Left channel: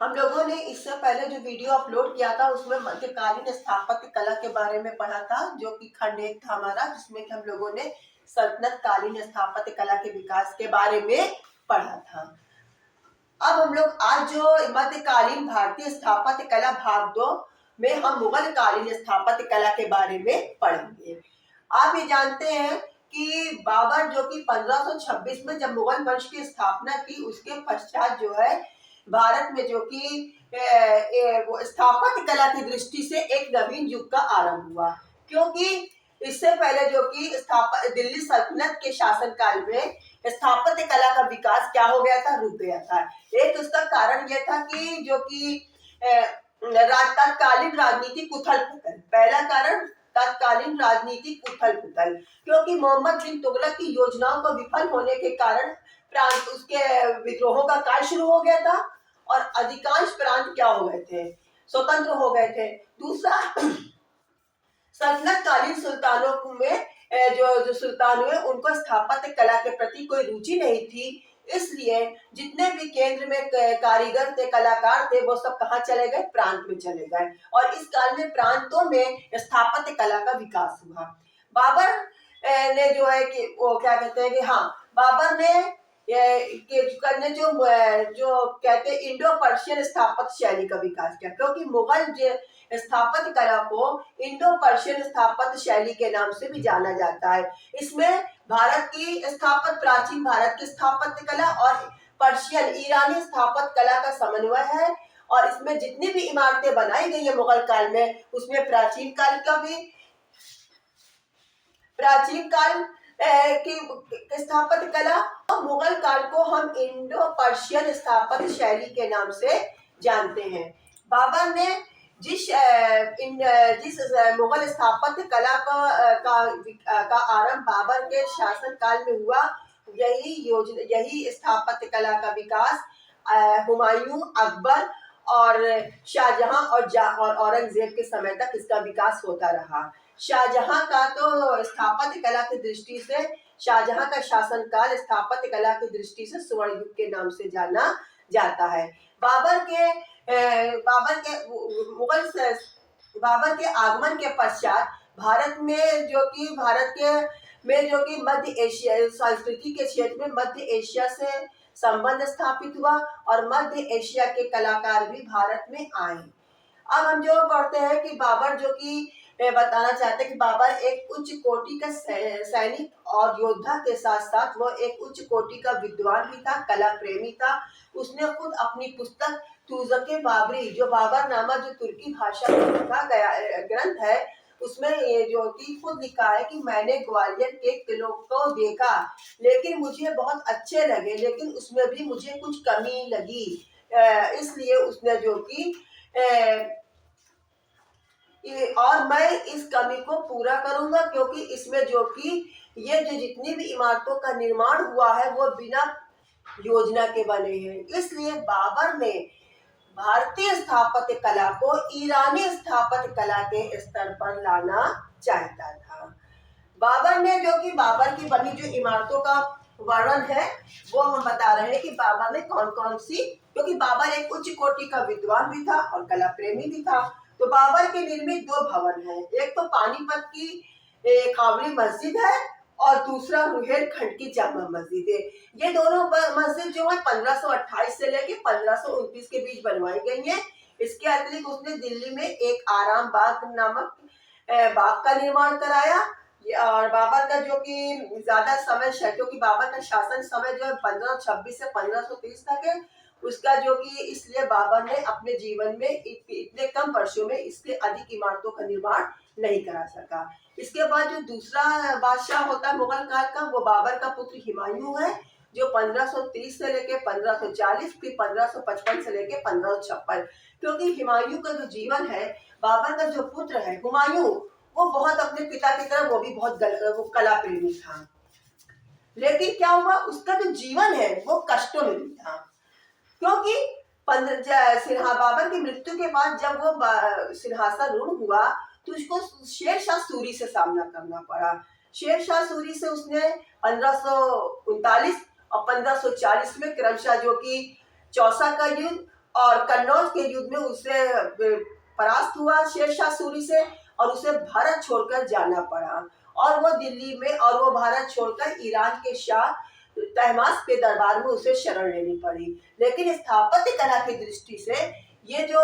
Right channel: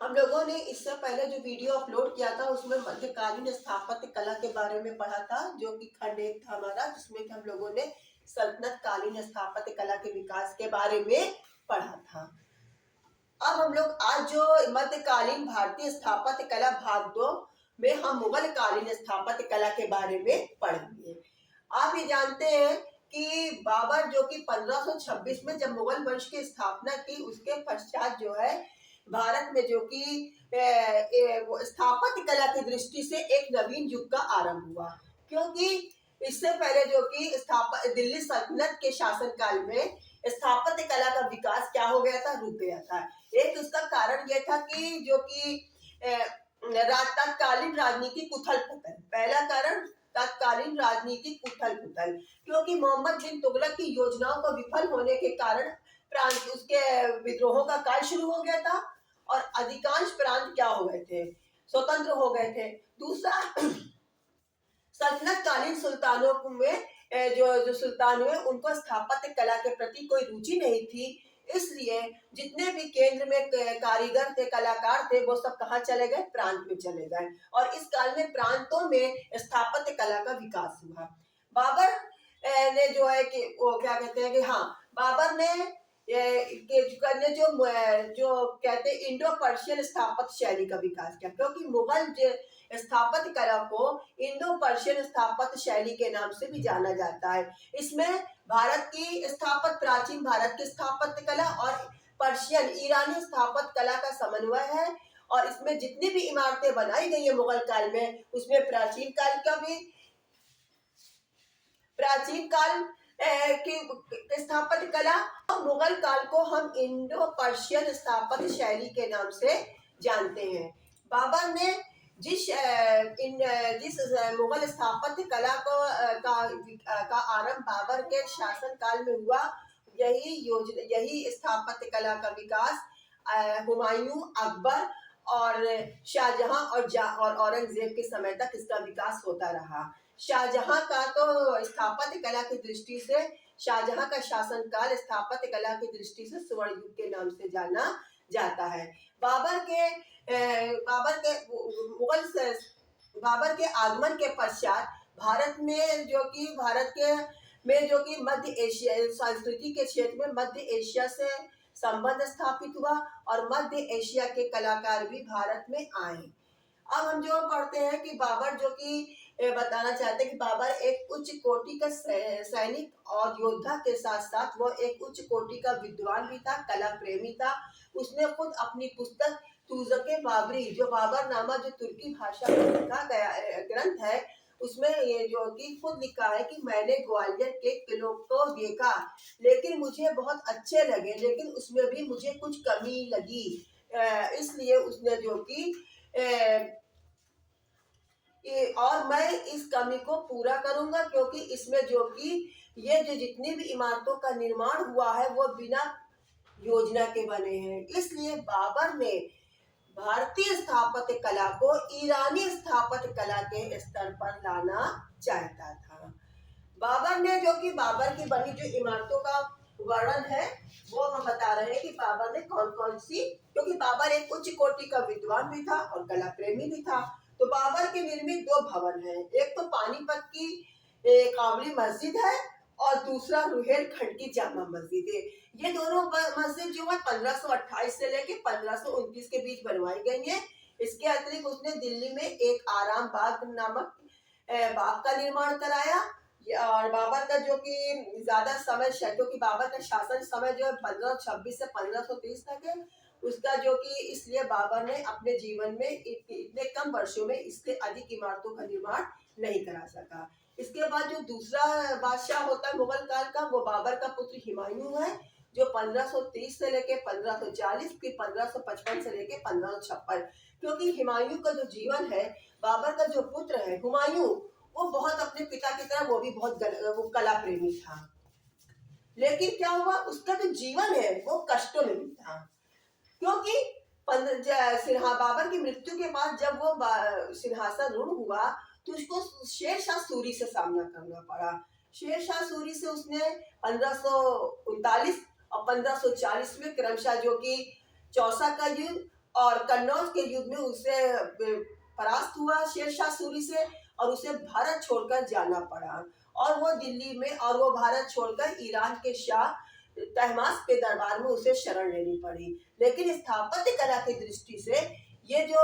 हम लोगों ने इससे पहले जो वीडियो अपलोड किया था उसमें मध्यकालीन स्थापत्य कला के बारे में पढ़ा था, जो कि खंड एक था हमारा, जिसमें कि हम लोगों ने सल्तनत कालीन स्थापत्य कला के विकास के बारे में पढ़ा था। अब हम लोग आज जो मध्यकालीन भारतीय स्थापत्य कला भाग 2 में हम मुगल कालीन स्थापत्य कला के बारे में पढ़ेंगे। आप ये जानते हैं कि बाबर जो कि 1526 में जब मुगल वंश की स्थापना की, उसके पश्चात जो है भारत में जो कि स्थापत्य कला की दृष्टि से एक नवीन युग का आरंभ हुआ। क्योंकि इससे पहले जो कि दिल्ली सल्तनत के शासनकाल में स्थापत्य कला का विकास क्या हो गया था, रुक गया था। एक उसका कारण यह था कि जो कि तत्कालीन राजनीतिक उथल पुथल, पहला कारण तत्कालीन राजनीतिक उथल पुथल, क्योंकि मोहम्मद बिन तुगलक की योजनाओं को विफल होने के कारण प्रांत उसके विद्रोहों का काल शुरू हो गया था और अधिकांश प्रांत क्या हो गए थे, स्वतंत्र हो गए थे। दूसरा, सल्तनत कालीन सुल्तानों में जो सुल्तान हुए उनको स्थापत्य कला के प्रति कोई रुचि नहीं थी, इसलिए जितने भी केंद्र में कारीगर थे, कलाकार थे, वो सब कहाँ चले गए, प्रांत में चले गए और इस काल में प्रांतों में स्थापत्य कला का विकास हुआ। बाबर ने जो है कि वो क्या कहते हैं कि हाँ, बाबर ने करने जो कहते हैं इंडो पर्शियन स्थापत्य शैली का विकास किया, क्योंकि मुगल स्थापत्य कला को इंडो पर्शियन स्थापत्य शैली के नाम से भी जाना जाता है। इसमें भारत की प्राचीन भारत की स्थापत्य कला और पर्शियन ईरानी स्थापत्य कला का समन्वय है और इसमें जितनी भी इमारतें बनाई गई है मुगल काल में, उसमें प्राचीन काल की स्थापत्य कला और मुगल काल को हम इंडो पर्शियन स्थापत्य शैली के नाम से जानते हैं। बाबर ने जिस मुगल स्थापत्य कला का आरंभ बाबर के शासन काल में हुआ, यही स्थापत्य कला का विकास हुमायूं, अकबर और शाहजहां और औरंगजेब के समय तक इसका विकास होता रहा। शाहजहां का तो स्थापत्य कला की दृष्टि से, शाहजहां का शासनकाल स्थापत्य कला की दृष्टि से स्वर्ण युग के नाम से जाना जाता है। बाबर के आगमन के पश्चात भारत जो कि मध्य एशिया संस्कृति के क्षेत्र में मध्य एशिया से संबंध स्थापित हुआ और मध्य एशिया के कलाकार भी भारत में आए। अब हम जो पढ़ते हैं कि बाबर जो कि बताना चाहते हैं कि बाबर एक उच्च कोटि का सैनिक और योद्धा के साथ साथ वो एक उच्च कोटि का विद्वान भी था, कला प्रेमी था। उसने खुद अपनी पुस्तक तूज़क-ए बाबरी, जो बाबर नामक जो तुर्की भाषा में लिखा गया ग्रंथ है, उसमें ये जो कि खुद लिखा है कि मैंने ग्वालियर के किलों को देखा, लेकिन मुझे बहुत अच्छे लगे, लेकिन उसमें भी मुझे कुछ कमी लगी, इसलिए उसने जो कि और मैं इस कमी को पूरा करूंगा, क्योंकि इसमें जो कि ये जो जितनी भी इमारतों का निर्माण हुआ है वो बिना योजना के बने हैं। इसलिए बाबर ने भारतीय स्थापत्य कला को ईरानी स्थापत्य कला के स्तर पर लाना चाहता था। बाबर ने जो कि बाबर की बनी जो इमारतों का वर्णन है वो हम बता रहे हैं कि बाबर ने कौन कौन सी, क्योंकि बाबर एक उच्च कोटि का विद्वान भी था और कला प्रेमी भी था। तो बाबर के निर्मित दो भवन हैं, एक तो पानीपत की काबरी मस्जिद है और दूसरा रुहेलखंड की जामा मस्जिद है। ये दोनों मस्जिद जो है 1528 से लेके 1529 के बीच बनवाई गई है। इसके अतिरिक्त उसने दिल्ली में एक आराम बाग नामक बाग का निर्माण कराया। और बाबर का जो कि ज्यादा समय, क्योंकि बाबर का शासन समय जो है 1526 से 1530 तक है, उसका जो कि इसलिए बाबर ने अपने जीवन में इतने कम वर्षों में इसके अधिक इमारतों का निर्माण नहीं करा सका। इसके बाद जो दूसरा बादशाह होता है मुगल काल का, वो बाबर का पुत्र हुमायूं है, जो 1530 से लेके 1540, फिर 1555 से लेके 1556। क्योंकि हुमायूं का जो जीवन है, बाबर का जो पुत्र है हुमायूं, वो बहुत अपने पिता की तरह वो भी बहुत वो कला प्रेमी था, लेकिन क्या हुआ, उसका जो जीवन है वो कष्टों में बीता। क्योंकि बाबर की मृत्यु के बाद जब वो सिंहासन रूढ़ हुआ तो उसको शेर शाह सूरी से सामना करना पड़ा। शेर शाह सूरी से उसने 1539 और 1540 में क्रमशः जो कि चौसा का युद्ध और कन्नौज के युद्ध में उसे परास्त हुआ शेरशाह सूरी से, और उसे भारत छोड़कर जाना पड़ा। और वो दिल्ली में, और वो भारत छोड़कर ईरान के शाह तहमास के दरबार में उसे शरण लेनी पड़ी। लेकिन स्थापत्य कला की दृष्टि से ये जो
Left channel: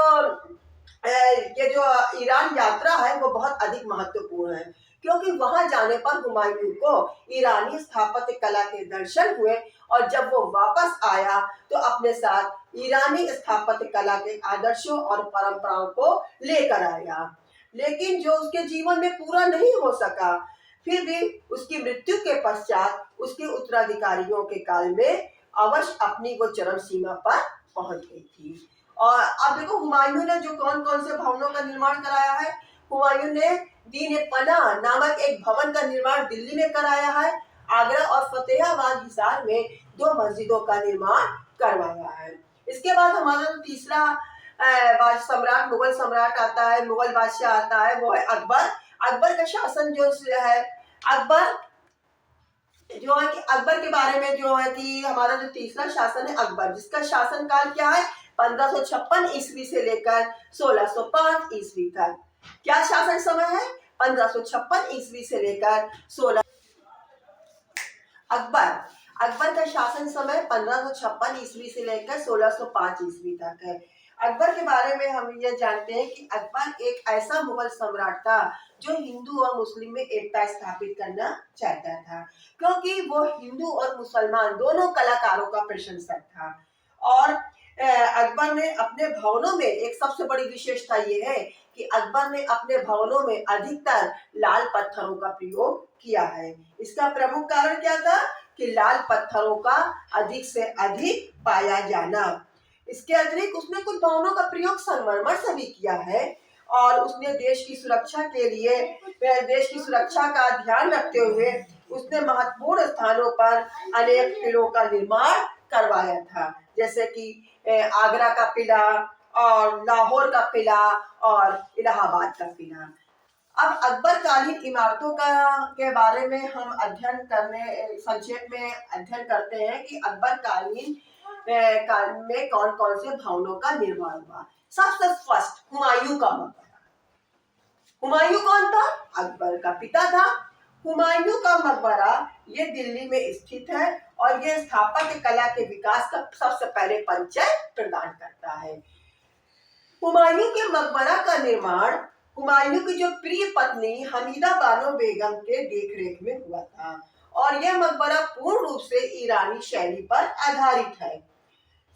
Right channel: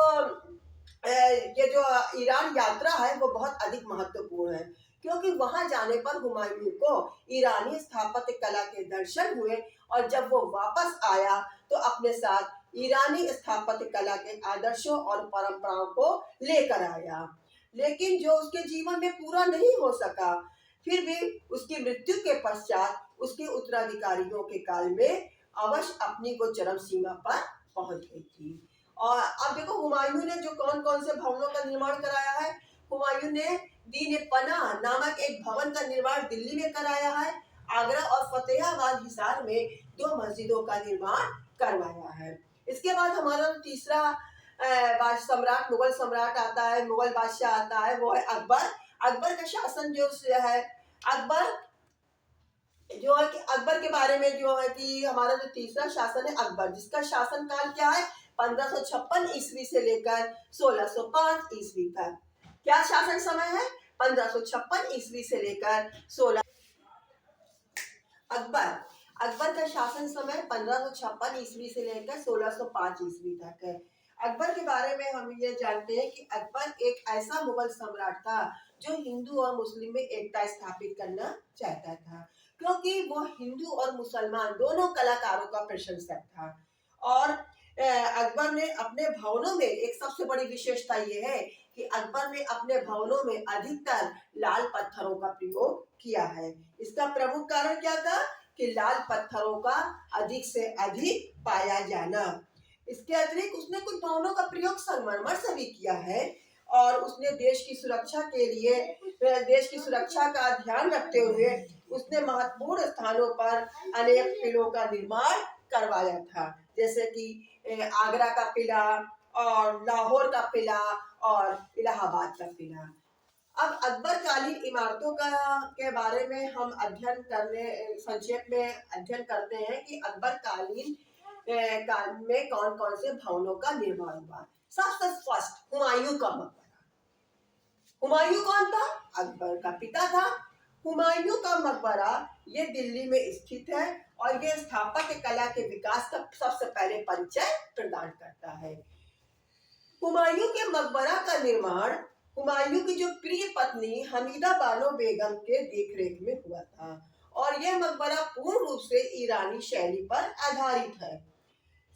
ये जो ईरान यात्रा है वो बहुत अधिक महत्वपूर्ण है, क्योंकि वहां जाने पर हुमायूं को ईरानी स्थापत्य कला के दर्शन हुए, और जब वो वापस आया तो अपने साथ ईरानी स्थापत्य कला के आदर्शों और परंपराओं को लेकर आया। लेकिन जो उसके जीवन में पूरा नहीं हो सका, फिर भी उसकी मृत्यु के पश्चात उसके उत्तराधिकारियों के काल में अवश्य अपनी वो चरम सीमा पर पहुंच गई थी। और अब देखो हुमायूं ने जो कौन कौन से भवनों का निर्माण कराया है। हुमायूं ने दीन पनाह नामक एक भवन का निर्माण दिल्ली में कराया है। आगरा और फतेहाबाद हिसार में 2 मस्जिदों का निर्माण करवाया है। इसके बाद हमारा तीसरा सम्राट, मुगल सम्राट आता है, मुगल बादशाह आता है, वो है अकबर। अकबर का शासन जो है, अकबर जो है कि अकबर के बारे में जो है कि हमारा जो तीसरा शासन है अकबर, जिसका शासन काल क्या है 1556 ईस्वी से लेकर 1605 ईस्वी तक। क्या शासन समय है 1556 ईस्वी से लेकर 16। अकबर अकबर का शासन समय 1556 ईस्वी से लेकर 1605 ईस्वी तक है। अकबर के बारे में हम ये जानते हैं कि अकबर एक ऐसा मुगल सम्राट था जो हिंदू और मुस्लिम में एकता स्थापित करना चाहता था, क्योंकि वो हिंदू और मुसलमान दोनों कलाकारों का प्रशंसक था। और अकबर ने अपने भवनों में एक सबसे बड़ी विशेषता ये है कि अकबर ने अपने भवनों में अधिकतर लाल पत्थरों का प्रयोग किया है। इसका प्रमुख कारण क्या था कि लाल पत्थरों का अधिक से अधिक पाया जाना। इसके अतिरिक्त उसने कुछ भवनों का प्रयोग संगमरमर से भी किया है, और उसने देश की सुरक्षा के लिए, देश की सुरक्षा का ध्यान रखते हुए उसने महत्वपूर्ण स्थानों पर अनेक किलों का निर्माण करवाया था, जैसे कि आगरा का किला और लाहौर का किला और इलाहाबाद का किला। अब अकबर कालीन इमारतों का के बारे में हम संक्षेप में अध्ययन करते हैं कि अकबर कालीन काल में कौन कौन से भवनों का निर्माण हुआ। सबसे फर्स्ट हुमायूं का मकबरा। हुमायूं कौन था? अकबर का पिता था। हुमायूं का मकबरा ये दिल्ली में स्थित है, और ये स्थापत्य कला के विकास का सबसे पहले परिचय प्रदान करता है। हुमायूं के मकबरा का निर्माण हुमायूं की जो प्रिय पत्नी हमीदा बानो बेगम के देखरेख में हुआ था, और यह मकबरा पूर्ण रूप से ईरानी शैली पर आधारित है।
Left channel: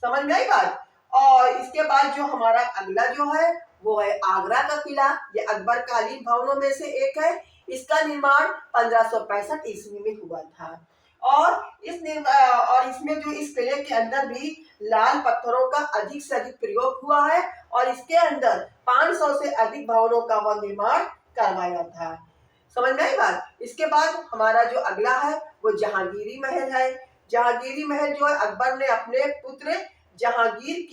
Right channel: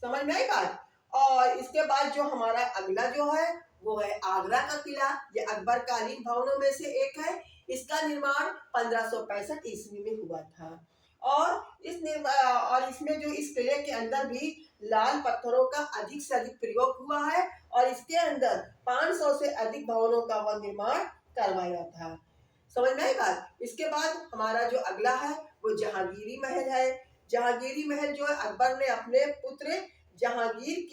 समझ में आई बात? और इसके बाद जो हमारा अगला जो है वो है आगरा का किला। ये अकबर कालीन भवनों में से एक है। इसका निर्माण 1565 ईस्वी में हुआ था, और इसमें जो इस किले के अंदर भी लाल पत्थरों का अधिक से अधिक प्रयोग हुआ है, और इसके अंदर 500 से अधिक भवनों का वह निर्माण करवाया था। समझ में आई बात? इसके बाद हमारा जो अगला है वो जहांगीरी महल है। जहांगीरी महल जो है अकबर ने अपने पुत्र जहांगीर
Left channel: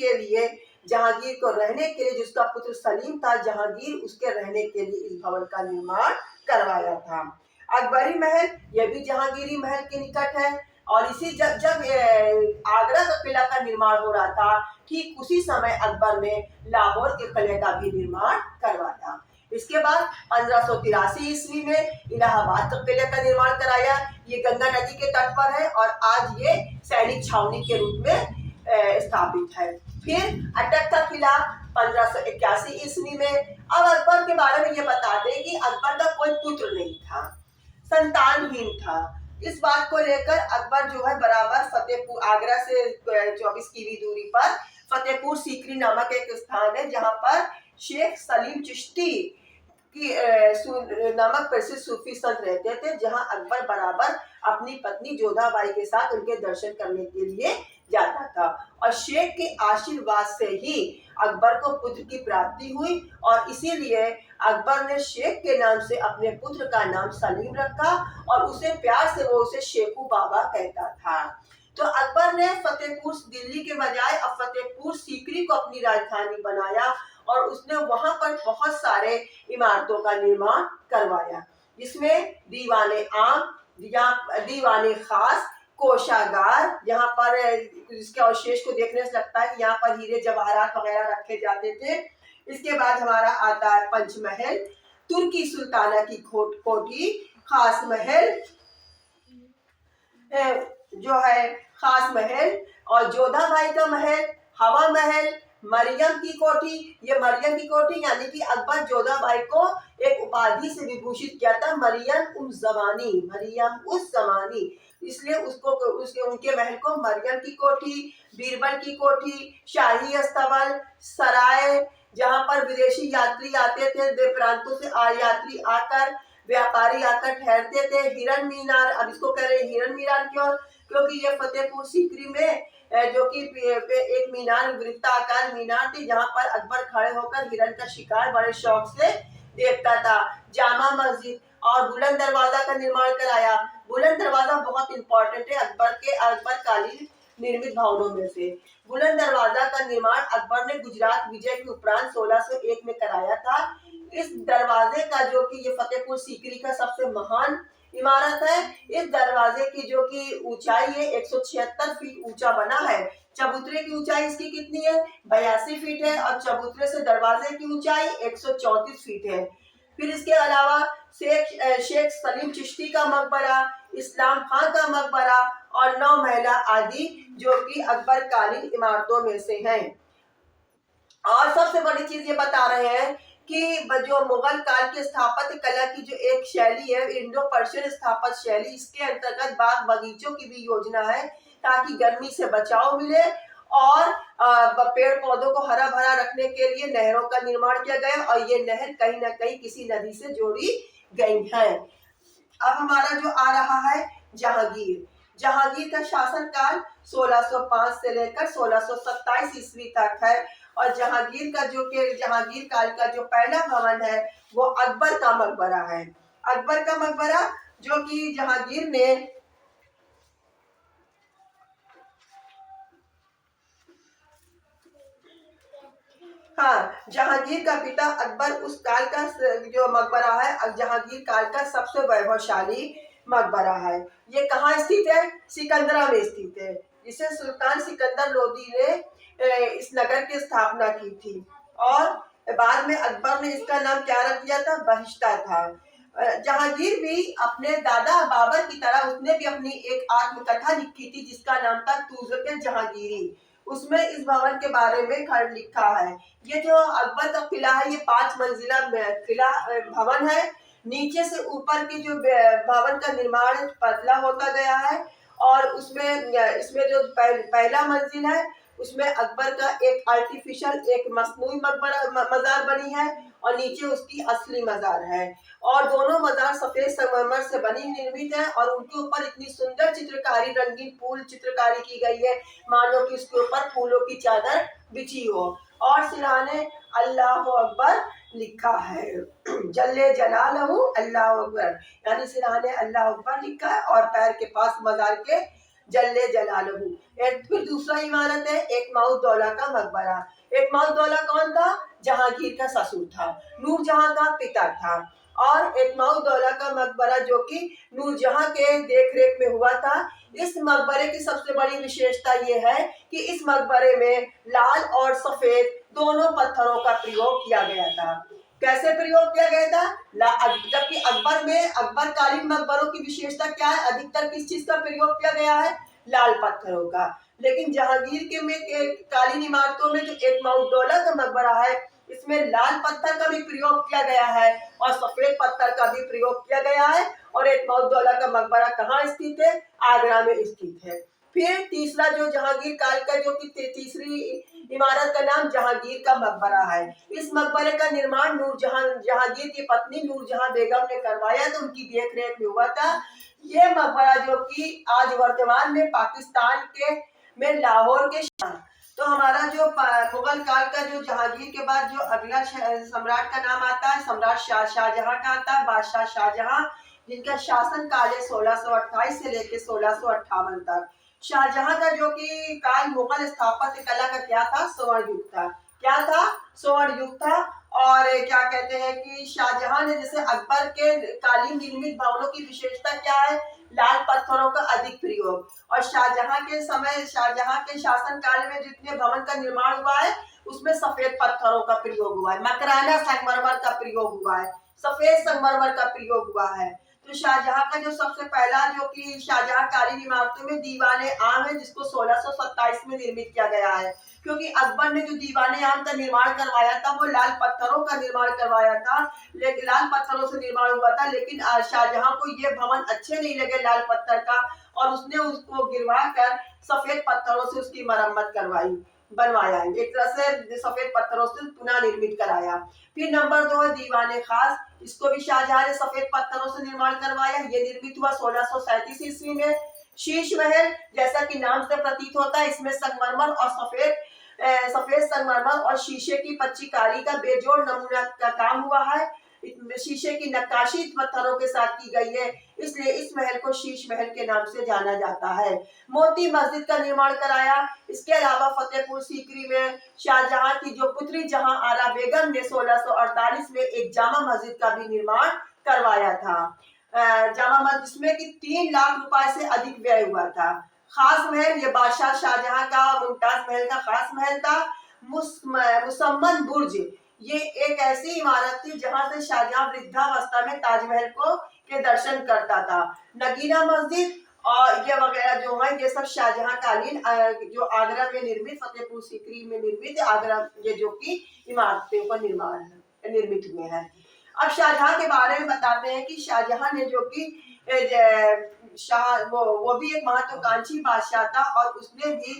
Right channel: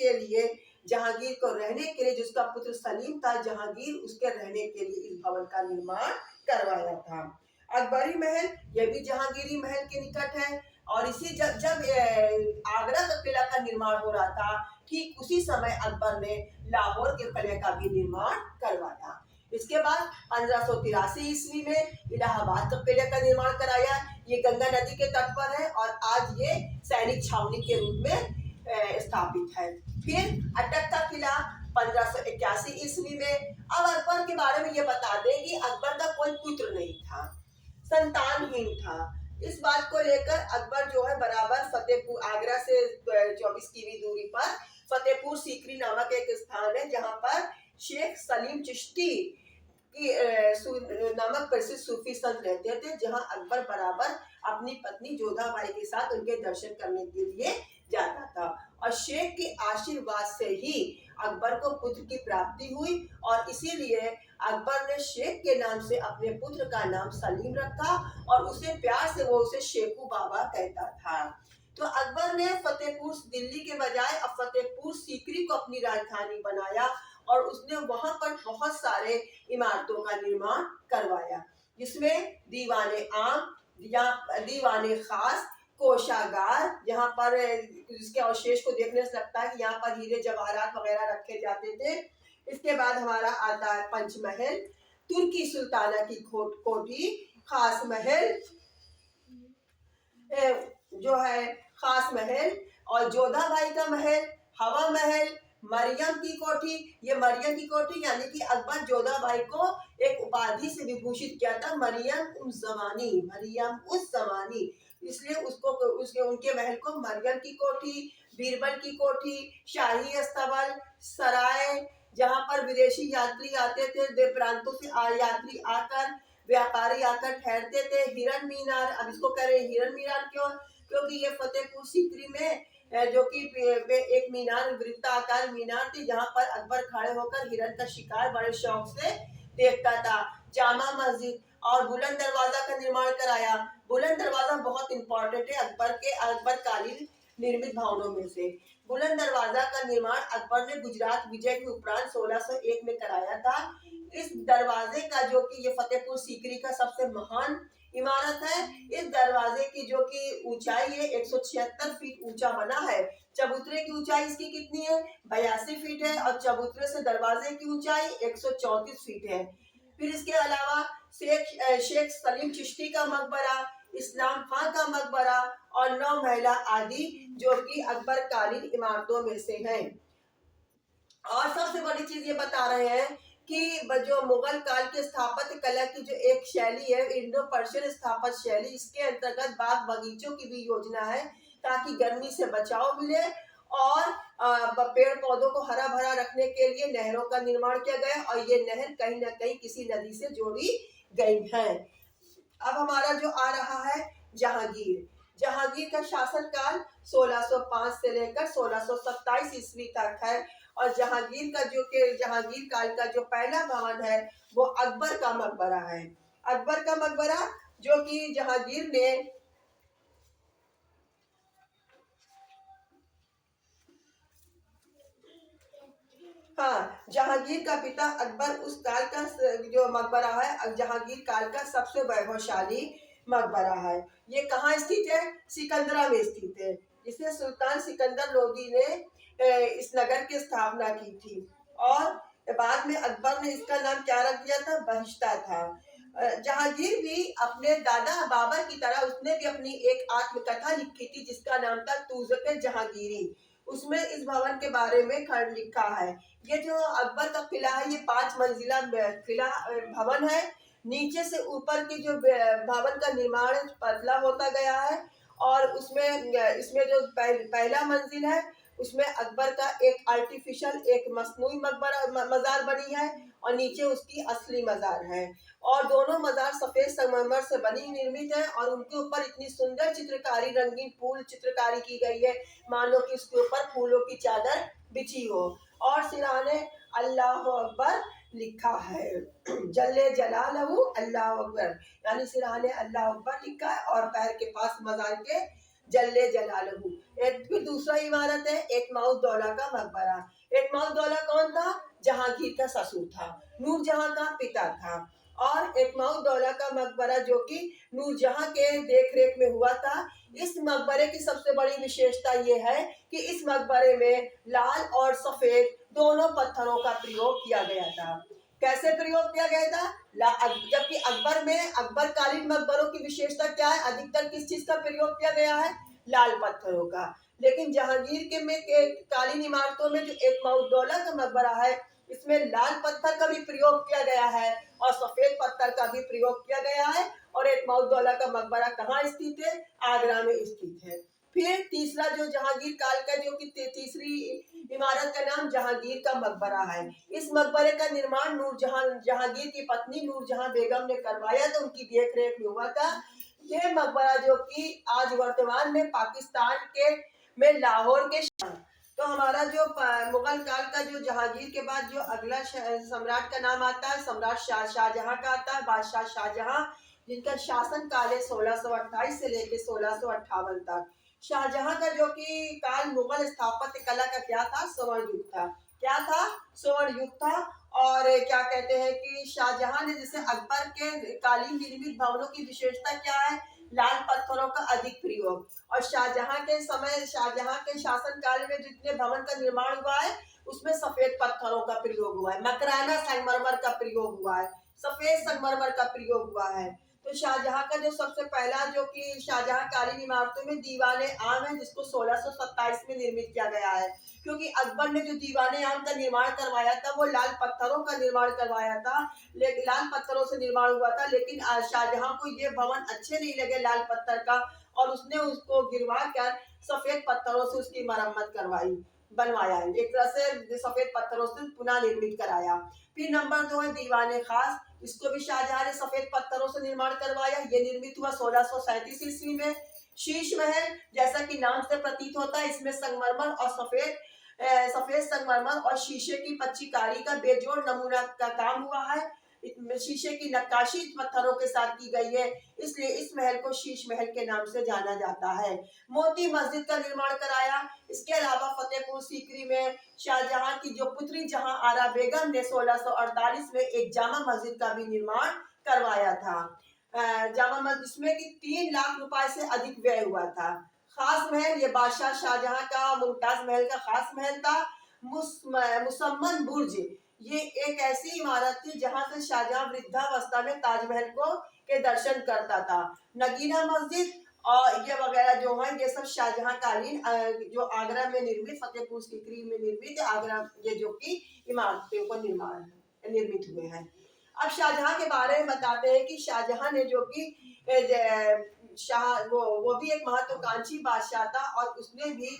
को रहने के लिए, जिसका पुत्र सलीम था जहांगीर, उसके रहने के लिए इस भवन का निर्माण करवाया था। अकबरी महल यह भी जहांगीरी महल के निकट है, और इसी जब जब आगरा का किला का निर्माण हो रहा था, ठीक उसी समय अकबर ने लाहौर के किले का भी निर्माण करवाया। इसके बाद 1583 ईस्वी में इलाहाबाद का किले का निर्माण कराया। ये गंगा नदी के तट पर है, और आज ये सैनिक छावनी के रूप में स्थापित है। फिर अटक का किला 1581 ईस्वी में। अब अकबर के बारे में ये बता दें कि अकबर का कोई पुत्र नहीं था, संतानहीन था। इस बात को लेकर अकबर जो है बराबर फतेहपुर, आगरा से 24 किमी दूरी पर फतेहपुर सीकरी नामक एक स्थान है, जहां पर शेख सलीम चिश्ती की नामक प्रसिद्ध सूफी संत रहते थे, जहां अकबर बराबर अपनी पत्नी जोधाबाई के साथ उनके दर्शन करने के लिए जाता था। और शेख के आशीर्वाद से ही अकबर को पुत्र की प्राप्ति हुई, और इसीलिए अकबर ने शेख के नाम से अपने पुत्र का नाम सलीम रखा, और उसे प्यार से वो उसे शेखू बाबा कहता था। तो अकबर ने फतेहपुर दिल्ली के बजाय अब फतेहपुर सीकरी को अपनी राजधानी बनाया, और उसने वहां पर बहुत सारे इमारतों का निर्माण करवाया, जिसमें दीवाने आम, दीवाने खास, कोषागार, जहाँ पर इसके अवशेष को देखने से लगता है कि यहाँ पर हीरे जवाहरात वगैरह रखे जाते थे। इसके बाद हमारा आता है पंचमहल, तुर्की सुल्ताना की कोठी, खास महल, जो है खास महल, और जोधा बाई का महल, हवा महल, मरियम की कोठी। ये मरियम की कोठी यानी कि अकबर जोधा बाई को एक उपाधि से विभूषित किया था, मरियम उस जमानी, मरियम उस जमानी, इसलिए उसको उसके उनके महल को मरियम की कोठी, बीरबल की कोठी, शाही अस्तबल, सराय, जहाँ पर विदेशी यात्री आते थे, देव प्रांतों से यात्री आकर, व्यापारी आकर ठहरते थे। हिरन मीनार, अब इसको कह रहे हैं हिरन मीनार क्यों? क्योंकि ये फतेहपुर सीकरी में जो कि एक मीनार, वृत्ताकार मीनार थी, जहाँ पर अकबर खड़े होकर हिरन का शिकार बड़े शौक से देखता था। जामा मस्जिद और बुलंद दरवाजा का निर्माण कराया। बुलंद दरवाजा बहुत इंपॉर्टेंट है अकबर कालीन निर्मित भवनों में से। बुलंद दरवाजा का निर्माण अकबर ने गुजरात विजय के उपरांत 1601 में कराया था। इस दरवाजे का जो कि ये फतेहपुर सीकरी का सबसे महान इमारत है। इस दरवाजे की जो कि ऊंचाई है 176 फीट ऊंचा बना है। चबूतरे की ऊंचाई इसकी कितनी है? 82 फीट है, और चबूतरे से दरवाजे की ऊंचाई 134 फीट है। फिर इसके अलावा शेख सलीम चिश्ती का मकबरा, इस्लाम खां का मकबरा और 9 महला आदि जो कि अकबर कालीन इमारतों में से हैं। और सबसे बड़ी चीज ये बता रहे हैं कि जो मुगल काल के स्थापत्य कला की जो एक शैली है, इंडो पर्शियन स्थापत्य शैली, इसके अंतर्गत बाग बगीचों की भी योजना है ताकि गर्मी से बचाव मिले, और पेड़ पौधों को हरा भरा रखने के लिए नहरों का निर्माण किया गया, और ये नहर कहीं ना कहीं किसी नदी से जोड़ी गई है। अब हमारा जो आ रहा है जहांगीर। जहांगीर का शासनकाल 1605 से लेकर 1627 ईस्वी तक है, और जहांगीर काल का जो पहला भवन है वो अकबर का मकबरा है। अकबर का मकबरा जो कि जहांगीर ने जहांगीर का पिता अकबर उस काल का जो मकबरा है जहांगीर काल का सबसे वैभवशाली मकबरा है। ये कहाँ स्थित है? सिकंदरा में स्थित है, जिसे सुल्तान सिकंदर लोदी ने इस नगर की स्थापना की थी, और बाद में अकबर ने इसका नाम क्या रख दिया था? बहिश्ता था। जहांगीर भी अपने दादा बाबर की तरह उसने भी अपनी एक आत्मकथा लिखी थी जिसका नाम था तूज़-ए जहांगीरी। उसमें इस भवन के बारे में खंड लिखा है। ये जो अकबर का किला है ये 5 मंजिला किला भवन है। नीचे से ऊपर की जो भवन का निर्माण पतला होता गया है, और इसमें जो पहला मंजिल है उसमें अकबर का एक आर्टिफिशियल एक मसनूई मजार बनी है, और नीचे उसकी असली मजार है, और दोनों मजार सफेद संगमरमर से बनी निर्मित है, और उनके ऊपर इतनी सुंदर चित्रकारी, रंगीन फूल चित्रकारी की गई है मानो कि उसके ऊपर फूलों की चादर बिछी हो, और सिरहाने अल्लाह अकबर लिखा है। जल्ले जलालहू अल्लाह अकबर, यानी सिरहाने अल्लाह अकबर लिखा है, और पैर के पास मजार के जल्ले जलालहू। फिर दूसरा इमारत है एक माउद्दौला का मकबरा। एक माउद्दौला कौन था? जहांगीर का ससुर था, नूरजहां का पिता था, और एक माउद्दौला का मकबरा जो कि नूरजहां के देखरेख में हुआ था। इस मकबरे की सबसे बड़ी विशेषता ये है कि इस मकबरे में लाल और सफेद दोनों पत्थरों का प्रयोग किया गया था। कैसे प्रयोग किया गया था? जबकि अकबर कालीन मकबरों की विशेषता क्या है? अधिकतर किस चीज का प्रयोग किया गया है? लाल पत्थरों का। लेकिन जहांगीर के कालीन इमारतों में जो एक माउद्दौला का मकबरा है इसमें लाल पत्थर का भी प्रयोग किया गया है और सफेद पत्थर का भी प्रयोग किया गया है। और एक माउद्दौला का मकबरा कहाँ स्थित है? आगरा में स्थित है। फिर तीसरा जो जहांगीर काल का जो कि तीसरी इमारत का नाम जहांगीर का मकबरा है। इस मकबरे का निर्माण जहांगीर की पत्नी नूरजहां बेगम ने करवाया तो उनकी देखरेख में हुआ था। ये मकबरा जो कि आज वर्तमान में पाकिस्तान के में लाहौर के तो हमारा जो मुगल काल का जो जहांगीर के बाद जो अगला सम्राट का नाम आता है सम्राट शाहजहां का आता है। बादशाह शाहजहां जिनका शासन काल है 1628 से लेकर 1658 तक। शाहजहां का जो कि काल मुगल स्थापत्य कला का क्या था? स्वर्ण युग था। क्या था? स्वर्ण युग था। और क्या कहते हैं कि शाहजहां ने जैसे अकबर के कालीन निर्मित भवनों की विशेषता क्या है? लाल पत्थरों का अधिक प्रयोग। और शाहजहां के शासन काल में जितने भवन का निर्माण हुआ है उसमें सफेद पत्थरों का प्रयोग हुआ है, मकराना संगमरमर का प्रयोग हुआ है, सफेद संगमरमर का प्रयोग हुआ है। तो शाहजहां का जो सबसे पहला जो कि शाहजहां कालीन इमारतों में दीवाने आम है, जिसको 1627 में निर्मित किया गया है। क्योंकि अकबर ने जो दीवाने आम का निर्माण करवाया था वो लाल पत्थरों का निर्माण करवाया था, लेकिन लाल पत्थरों से निर्माण हुआ था, लेकिन शाहजहां को ये भवन अच्छे नहीं लगे लाल पत्थर का, और उसने उसको गिरवा कर सफेद पत्थरों से उसकी मरम्मत करवाई, बनवाया है, एक तरह से सफेद पत्थरों से पुनः निर्मित कराया। फिर नंबर 2 है दीवाने खास। इसको भी शाहजहां ने सफेद पत्थरों से निर्माण करवाया। ये निर्मित हुआ 1637 ईस्वी में। शीश महल, जैसा कि नाम से प्रतीत होता है, इसमें संगमरमर और सफेद संगमरमर और शीशे की पच्चीकारी का बेजोड़ नमूना का काम हुआ है। शीशे की नक्काशी पत्थरों के साथ की गई है, इसलिए इस महल को शीश महल के नाम से जाना जाता है। मोती मस्जिद का निर्माण कराया। इसके अलावा फतेहपुर सीकरी में शाहजहां की जो पुत्री जहां आरा बेगम ने 1648 में एक जामा मस्जिद का भी निर्माण करवाया था। जामा मस्जिद जिसमें कि 3 लाख रुपए से अधिक व्यय हुआ था। खास महल, ये बादशाह शाहजहां का मुमताज महल का खास महल था। मुसम्मन बुर्ज, ये एक ऐसी इमारत थी जहां से शाहजहां वृद्धावस्था में ताजमहल को के दर्शन करता था। नगीना मस्जिद और ये वगैरह जो है ये सब शाहजहां कालीन जो आगरा में निर्मित, फतेहपुर सीकरी में निर्मित आगरा, ये जो कि इमारतों का निर्मित हुए हैं। अब शाहजहां के बारे में बताते हैं कि शाहजहां ने जो कि शाह वो भी एक महत्वाकांक्षी बादशाह था, और उसने भी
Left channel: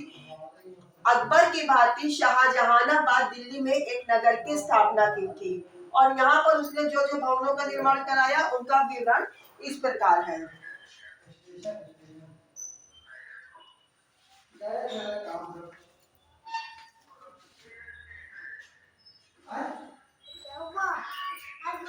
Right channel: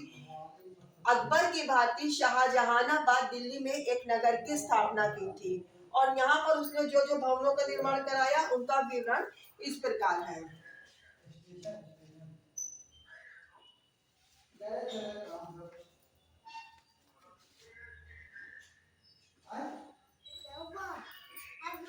अकबर की भांति शाहजहानाबाद दिल्ली में एक नगर की स्थापना की थी, और यहाँ पर उसने जो जो भवनों का निर्माण कराया उनका विवरण इस प्रकार है।